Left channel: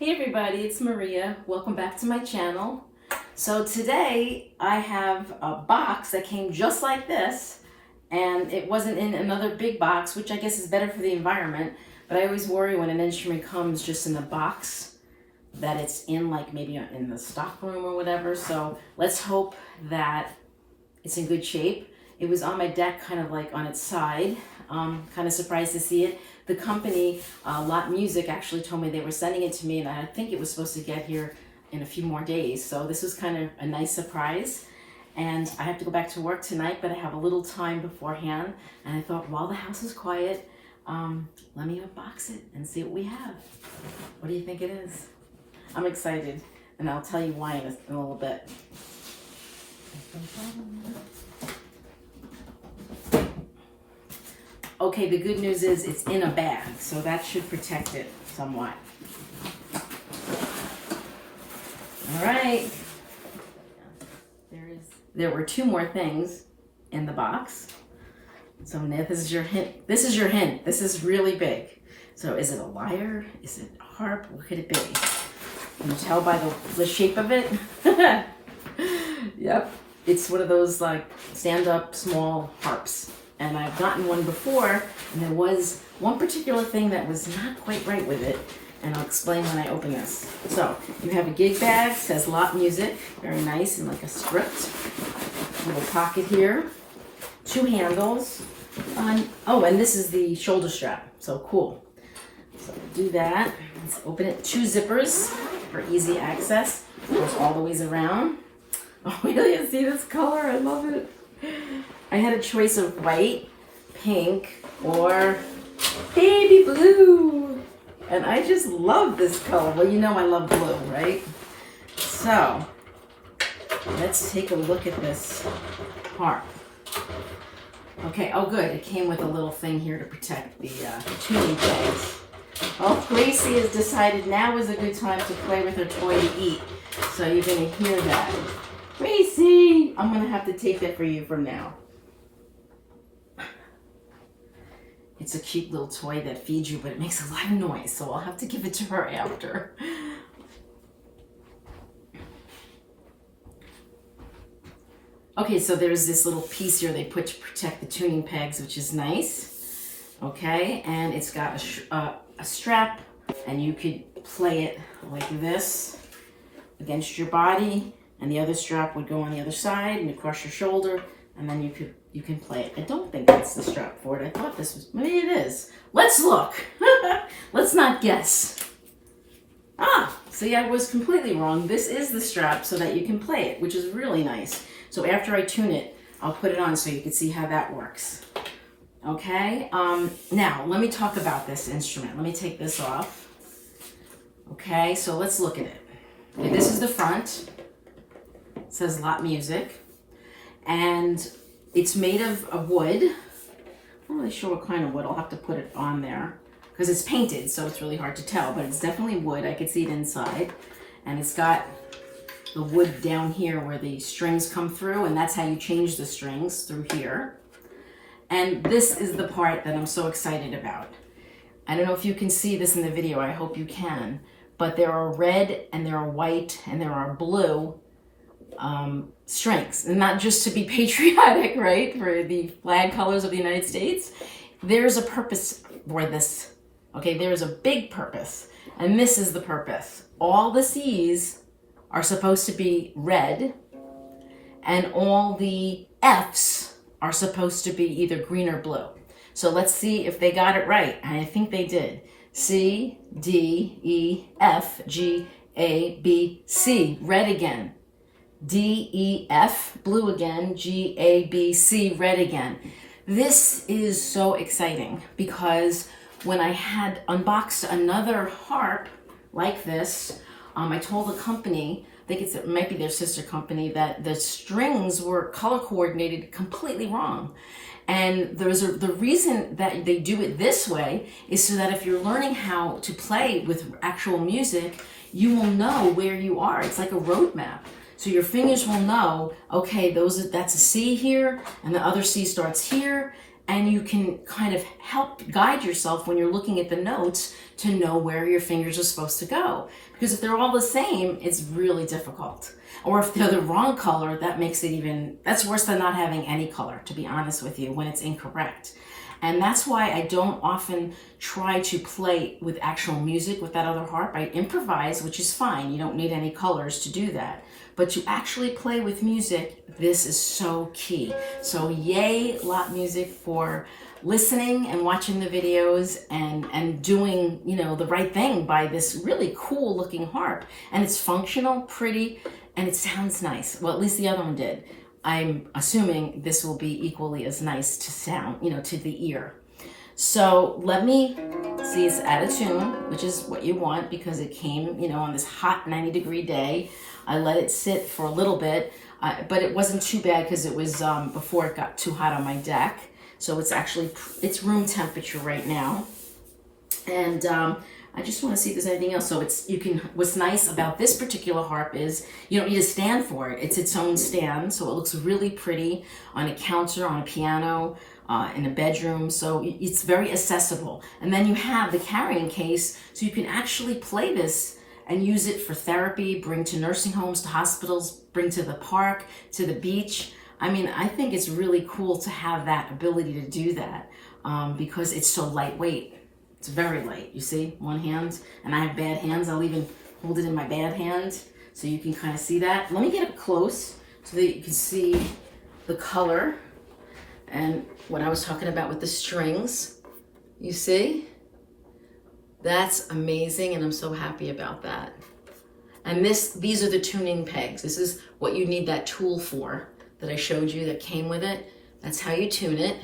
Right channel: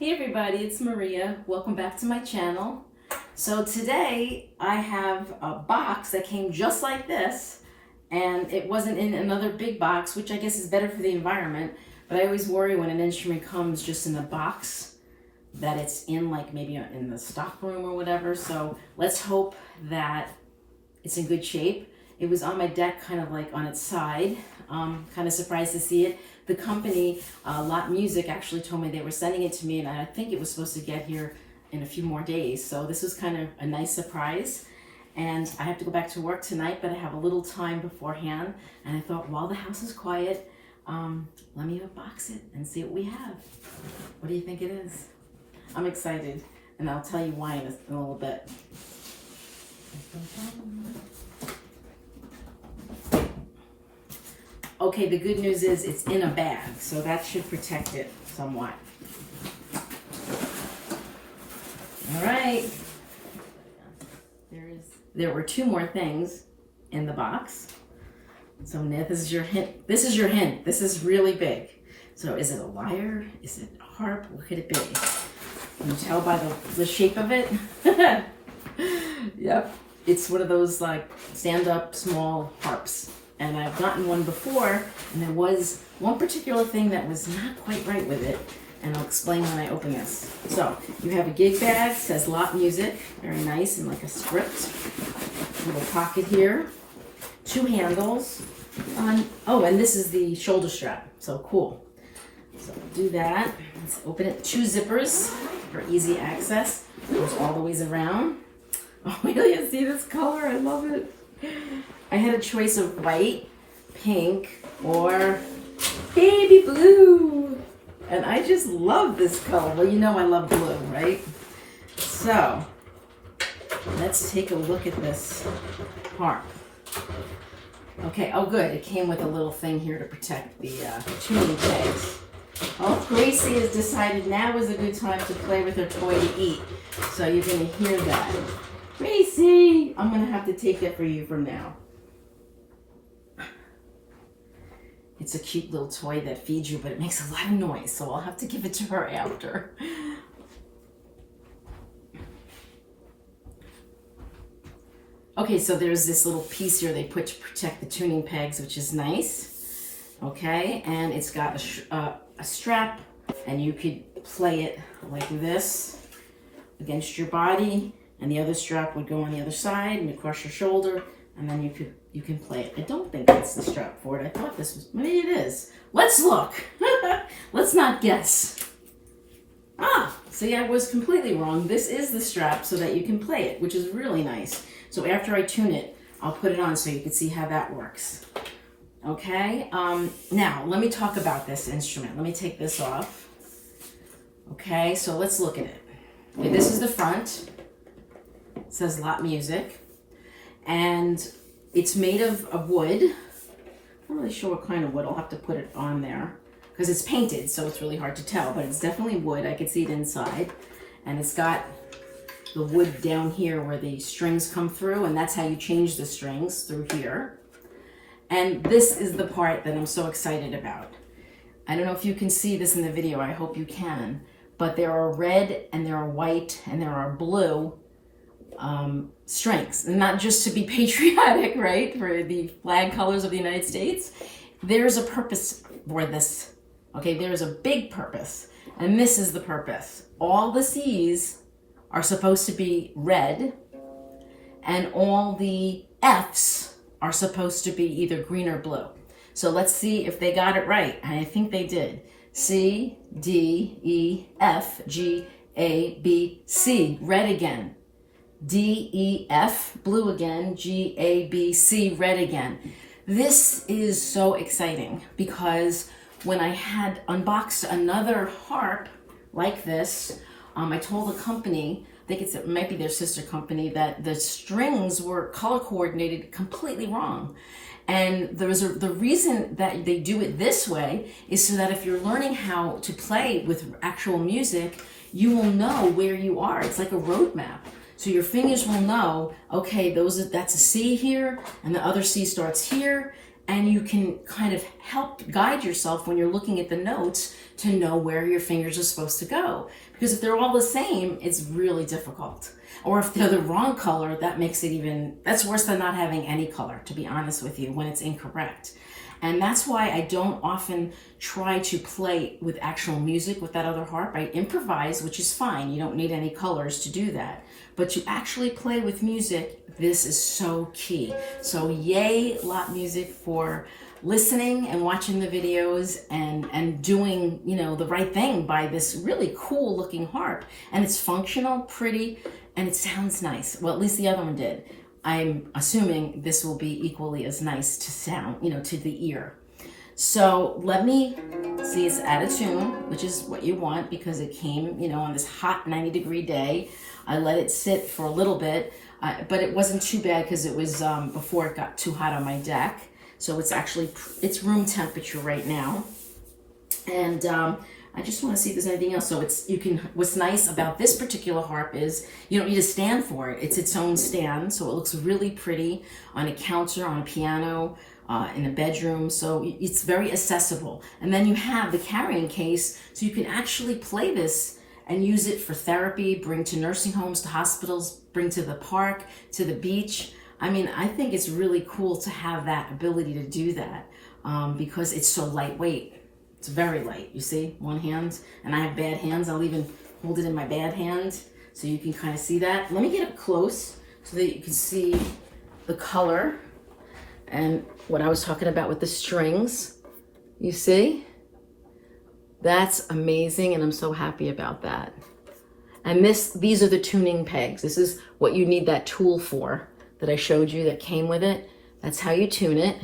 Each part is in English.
Hey everybody, it's Maria. Welcome back to my channel. So today I have a box that came just like this, and it wasn't in another big box, which I guess is better for the environment, but I always worry when an instrument comes just in a box that it's in, like maybe in the stock room or whatever. So let's hope that it's in good shape. It was on my deck, kind of like on its side. Kind of surprised to see it. The company, Lot Music, actually told me they were sending it to me, and I think it was supposed to get here in a few more days. So this was kind of a nice surprise. And I have to go back to work tonight, but I have a little time beforehand. And I thought, while the house is quiet, let me unbox it and see what we have. What do you think it is? I'm excited, and I'll tell you why in a little bit. Okay, the good news is it's in a bag, so that should protect it somewhat. All right. There were two more things in the box. So now this is your hint. This is your hint. This is really big. So is it a lyre? Is it a harp? What could it be? Can you tell by the shape of it? Yep. It's one of those like stand-up small harps. And I've gotten one before, and there was one particular thing that was not quite right with it, and I'll explain when I open this. So, you have a gig bag, says Lot Music, very nice, and like a script. Little pocket here, two handles. And this is the shoulder strap, so cool. So do that. Let's open it. Two zippers for easy access. Goes all the ways around. Oh, really? See this color? I love it. I had a choice of white, pink, or baby blue. And I just love this color. Well, you know I love blue, right? So, let's take a look at this harp. Okay, oh good. It came with a little thing here to protect the tuning pegs. Oh, Gracie has decided now is a good time to play with her toy to eat. So you're going to hear that. Gracie! I'm going to have to take that for you from now. It's a cute little toy that feeds you, but it makes a lot of noise, so I'll have to give it to her after. Okay, so there's this little piece here they put to protect the tuning pegs, which is nice. Okay, and it's got a strap, and you could play it like this against your body, and the other strap would go on the other side and across your shoulder, and then you can play it. I don't think that's the strap for it. I thought this was, maybe it is. Let's look. Let's not guess. See, I was completely wrong. This is the strap so that you can play it, which is really nice. So after I tune it, I'll put it on so you can see how that works. Okay, now let me talk about this instrument. Let me take this off. Okay, so let's look at it. Okay, this is the front. It says Lot Music, and it's made of wood. I'm not really sure what kind of wood. I'll have to put it on there because it's painted, so it's really hard to tell, but it's definitely wood. I can see it inside, and it's got the wood down here where the strings come through, and that's how you change the strings, through here. And this is the part that I'm so excited about. I don't know if you can see this in the video. I hope you can, but there are red and there are white and there are blue strings, and not just to be patriotic, right, for the flag colors of the United States. There's a purpose for this. Okay, there's a big purpose, and this is the purpose. All the C's are supposed to be red, and all the F's are supposed to be either green or blue. So let's see if they got it right, and I think they did. C, D, E, F, G, A, B, C, red again. D, E, F, blue again, G, A, B, C, red again. This is so exciting because when I had unboxed another harp like this, I told the company, I think it might be their sister company, that the strings were color coordinated completely wrong. And the reason that they do it this way is so that if you're learning how to play with actual music, you will know where you are. It's like a road map. So your fingers will know, okay, that's a C here, and the other C starts here, and you can kind of help guide yourself when you're looking at the notes to know where your fingers are supposed to go. Because if they're all the same, it's really difficult. Or if they're the wrong color, that makes it even, that's worse than not having any color, to be honest with you, when it's incorrect. And that's why I don't often try to play with actual music with that other harp. I improvise, which is fine. You don't need any colors to do that. But to actually play with music, this is so key. So yay, Lot Music, for listening and watching the videos and doing, you know, the right thing by this really cool looking harp. And it's functional, pretty, and it sounds nice. Well, at least the other one did. I'm assuming this will be equally as nice to sound, you know, to the ear. So let me see, it's out of tune, which is what you want because it came, you know, on this hot 90-degree day. I let it sit for a little bit, but it wasn't too bad because it was before it got too hot on my deck. So it's actually, it's room temperature right now. And I just want to see if there's anything else. So it's, you can, what's nice about this particular harp is you don't need a stand for it. It's its own stand. So it looks really pretty on a counter, on a piano, in a bedroom. So it's very accessible. And then you have the carrying case. So you can actually play this and use it for therapy, bring to nursing homes, to hospitals, bring to the park, to the beach. I mean, I think it's really cool to have that ability to do that because it's so lightweight. It's very light, you see, one hand, and I have bad hands. I'll even hold it in my bad hand so you can kind of see that. Let me get up close so that you can see the color and what I was talking about with the strings. You see? That's amazing, and I'm so happy about that. And these are the tuning pegs. This is what you need that tool for that I showed you that came with it. That's how you tune it.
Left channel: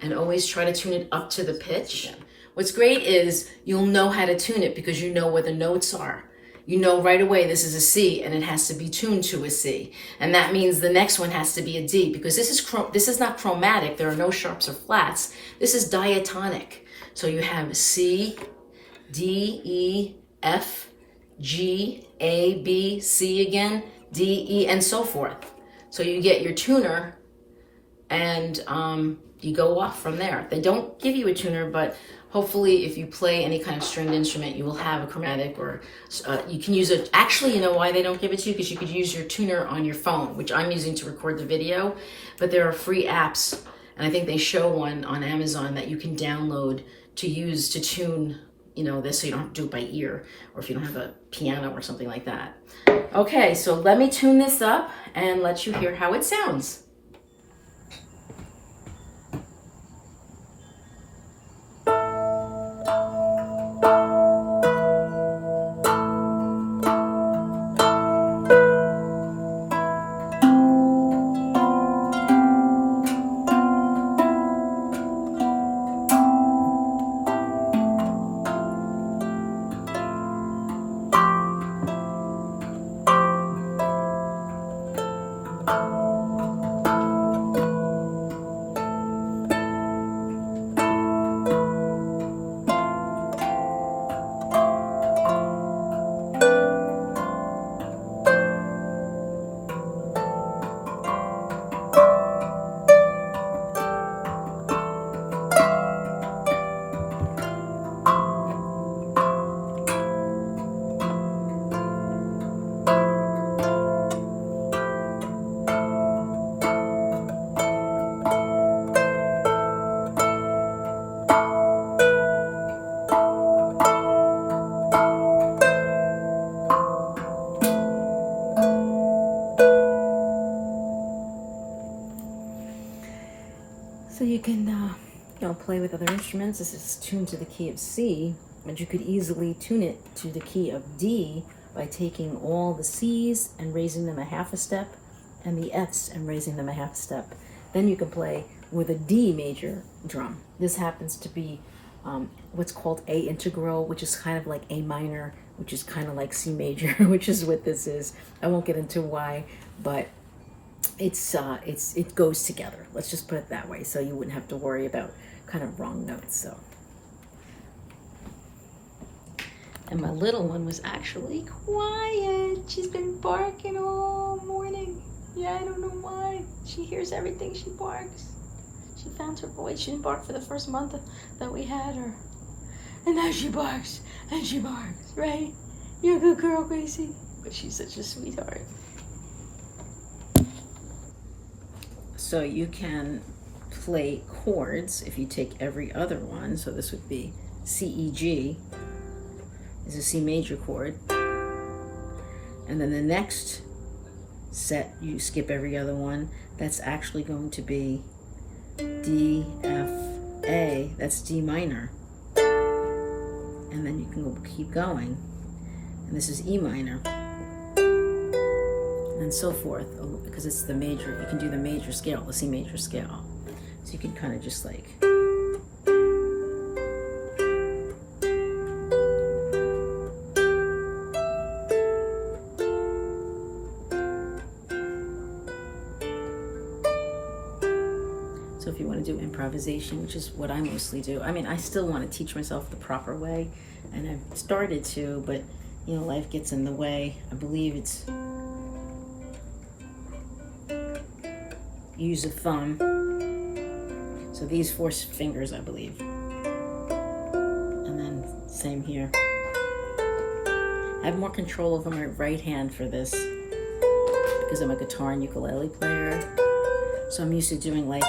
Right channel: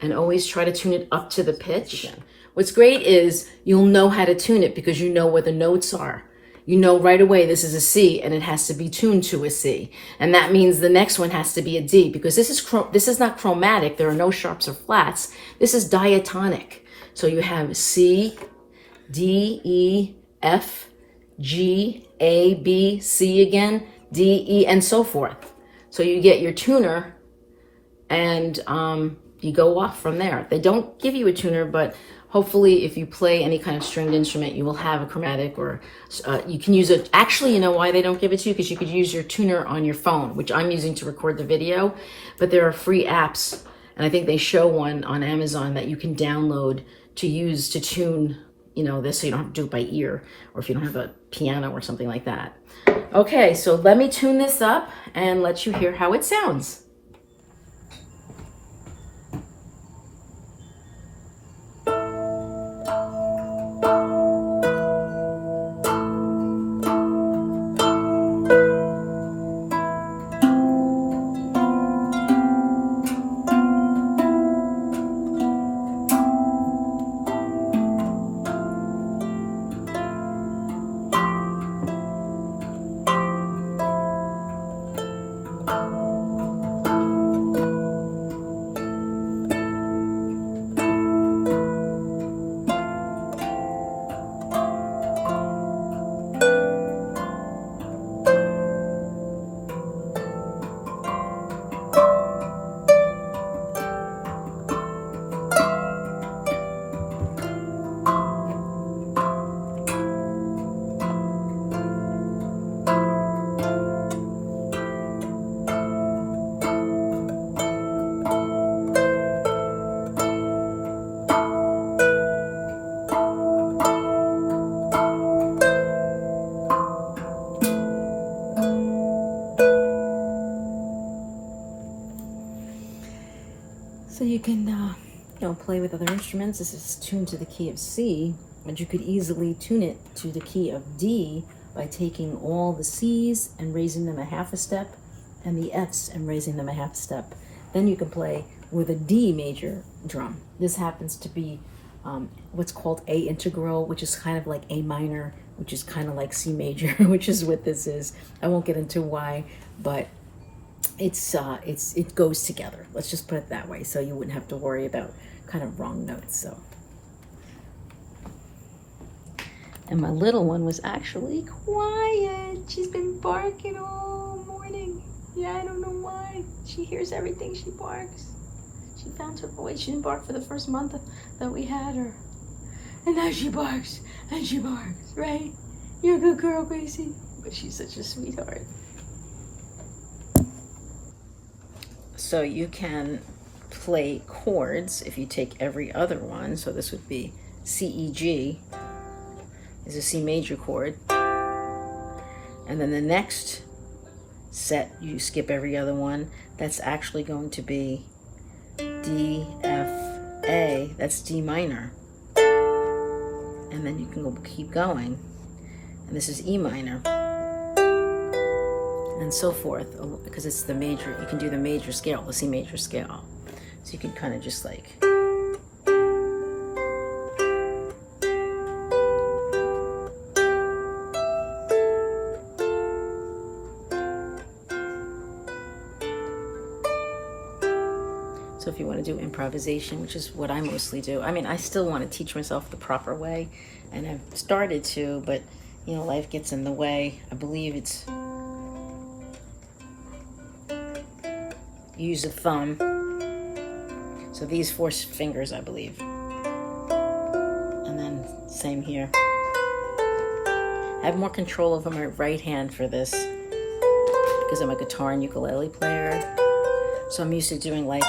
And always try to tune it up to the pitch. What's great is you'll know how to tune it because you know where the notes are. You know right away this is a C and it has to be tuned to a C. And that means the next one has to be a D because this is not chromatic. There are no sharps or flats. This is diatonic. So you have C, D, E, F, G, A, B, C again, D, E, and so forth. So you get your tuner and you go off from there. They don't give you a tuner, but hopefully if you play any kind of stringed instrument, you will have a chromatic or you can use it. Actually, you know why they don't give it to you? Because you could use your tuner on your phone, which I'm using to record the video, but there are free apps. And I think they show one on Amazon that you can download to use to tune, you know, this so you don't have to do it by ear or if you don't have a piano or something like that. Okay, so let me tune this up and let you hear how it sounds. So you can, you know, play with other instruments. This is tuned to the key of C, but you could easily tune it to the key of D by taking all the C's and raising them a half a step and the F's and raising them a half a step. Then you can play with a D major drum. This happens to be what's called A integral, which is kind of like A minor, which is kind of like C major, which is what this is. I won't get into why, but it goes together. Let's just put it that way, so you wouldn't have to worry about kind of wrong notes. So, and my little one was actually quiet. She's been barking all morning. Yeah, I don't know why. She hears everything. She barks. She found her voice. She didn't bark for the first month that we had her, and now she barks and she barks. right? You're a good girl, Gracie. But she's such a sweetheart. So you can play chords if you take every other one. So this would be C, E, G is a C major chord. And then the next set, you skip every other one. That's actually going to be D, F, A. That's D minor. And then you can keep going. And this is E minor. And so forth, because it's the major. You can do the major scale, the C major scale. So you can kind of just like... So if you want to do improvisation, which is what I mostly do. I mean, I still want to teach myself the proper way, and I've started to, but, you know, life gets in the way. I believe it's use a thumb. So these 4 fingers, I believe. And then same here. I have more control over my right hand for this because I'm a guitar and ukulele player. So I'm used to doing like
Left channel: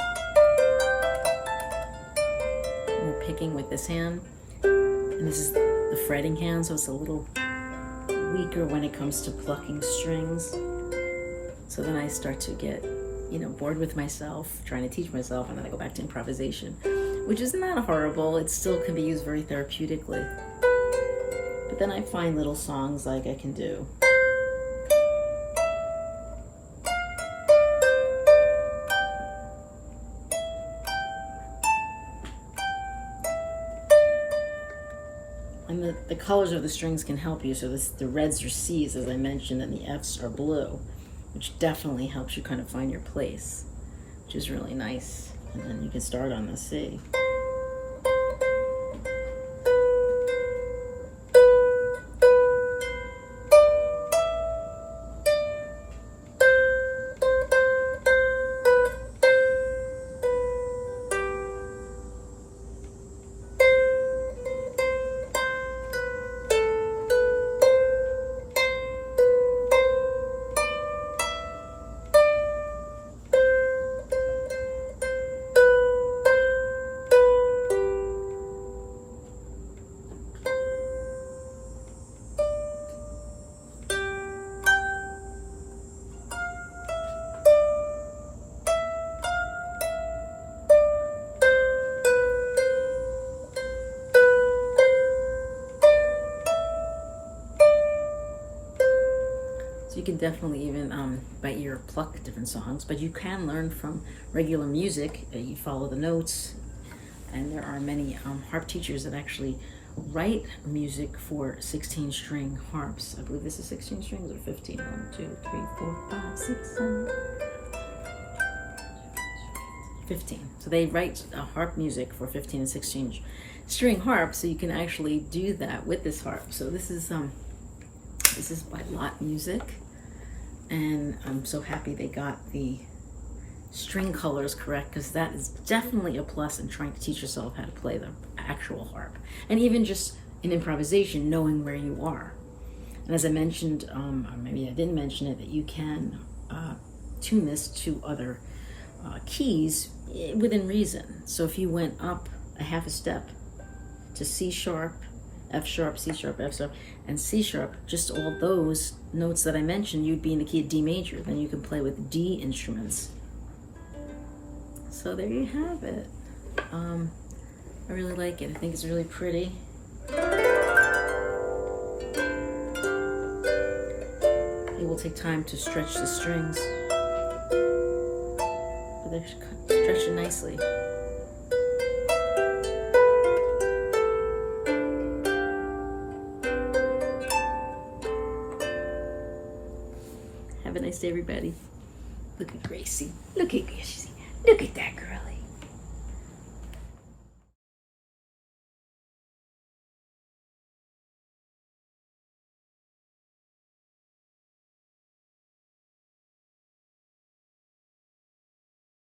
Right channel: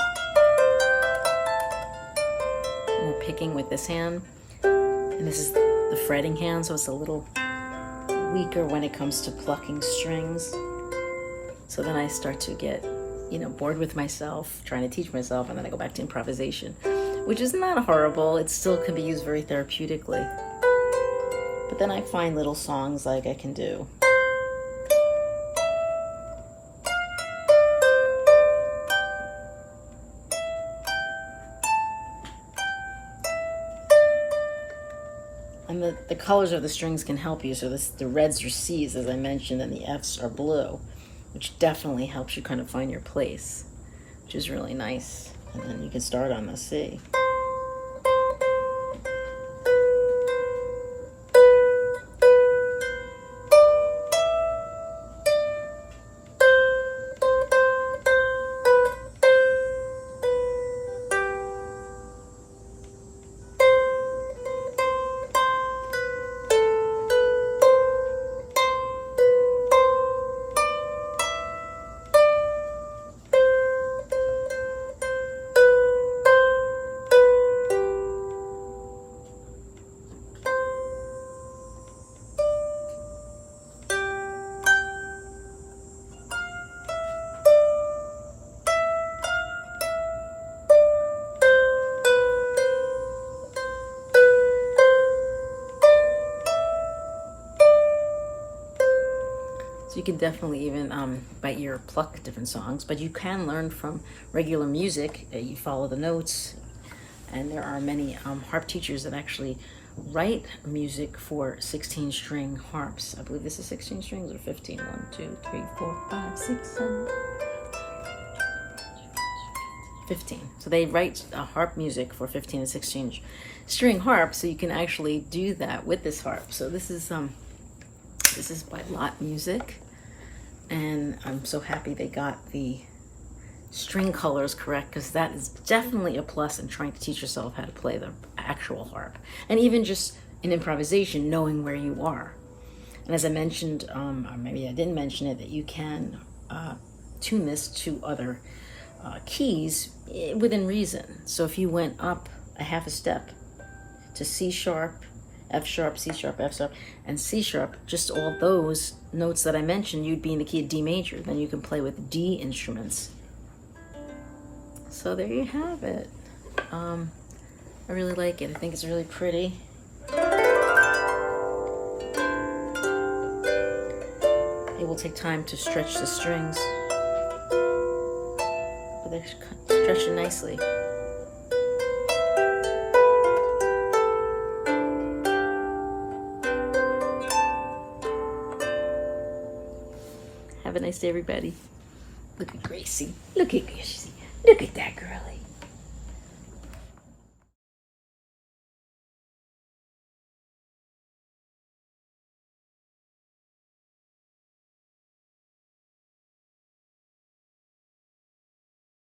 more picking with this hand. And this is the fretting hand, so it's a little weaker when it comes to plucking strings. So then I start to get, you know, bored with myself, trying to teach myself, and then I go back to improvisation, which is not horrible. It still can be used very therapeutically. But then I find little songs like I can do. And the colors of the strings can help you. So the reds are C's, as I mentioned, and the F's are blue, which definitely helps you kind of find your place, which is really nice. And then you can start on the C. So you can definitely even by ear pluck different songs, but you can learn from regular music. You follow the notes, and there are many harp teachers that actually write music for 16-string harps. I believe this is 16 strings or 15. 1, 2, 3, 4, 5, 6, 7, 15. So they write harp music for 15 and 16 string harps, so you can actually do that with this harp. So this is by Lot Music, and I'm so happy they got the string colors correct, because that is definitely a plus in trying to teach yourself how to play the actual harp, and even just in improvisation, knowing where you are. And as I mentioned, or maybe I didn't mention it, that you can tune this to other keys within reason. So if you went up a half a step to C sharp, F sharp, C sharp, F sharp, and C sharp, just all those notes that I mentioned, you'd be in the key of D major. Then you can play with D instruments. So there you have it. I really like it. I think it's really pretty. It will take time to stretch the strings, but they're stretching nicely. Have a nice day, everybody. Look at Gracie. Look at Gracie. Look at that girl.